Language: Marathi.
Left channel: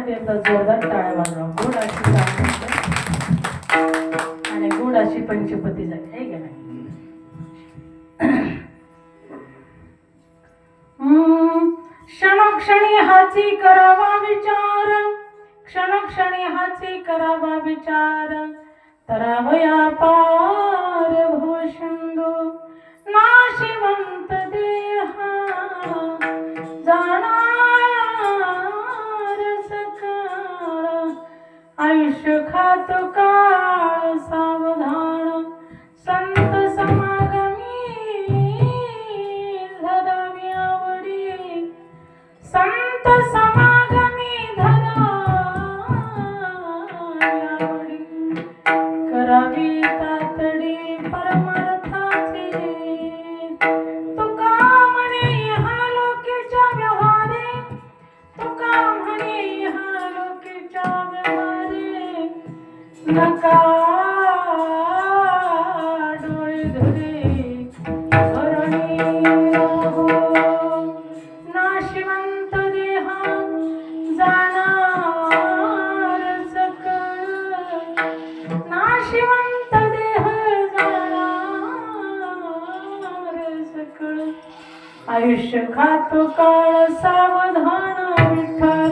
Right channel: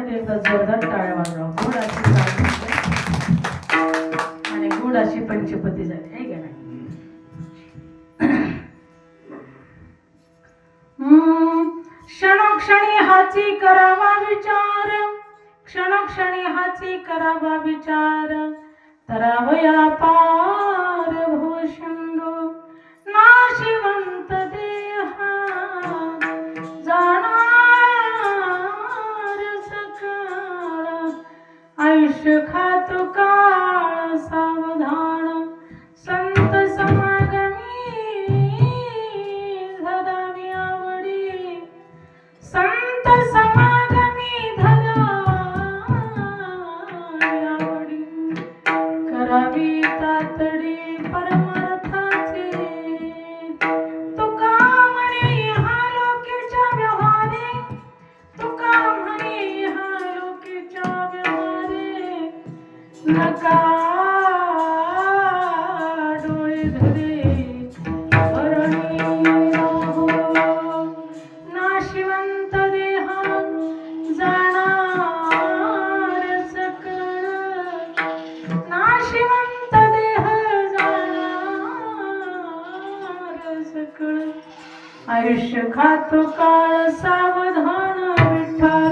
साठी एकदा जोरदार टाळ्या वाजवा. गुड अशी म्हणजे आणि गुड अशी पंचपती झाली. हे घ्या. क्षणक्षणी हाची करावा विचार. क्षणक्षणी हाची करावा विचार. तरावया पा आयुष्य आयुष्य खातो काळ सावधान विठ्ठल.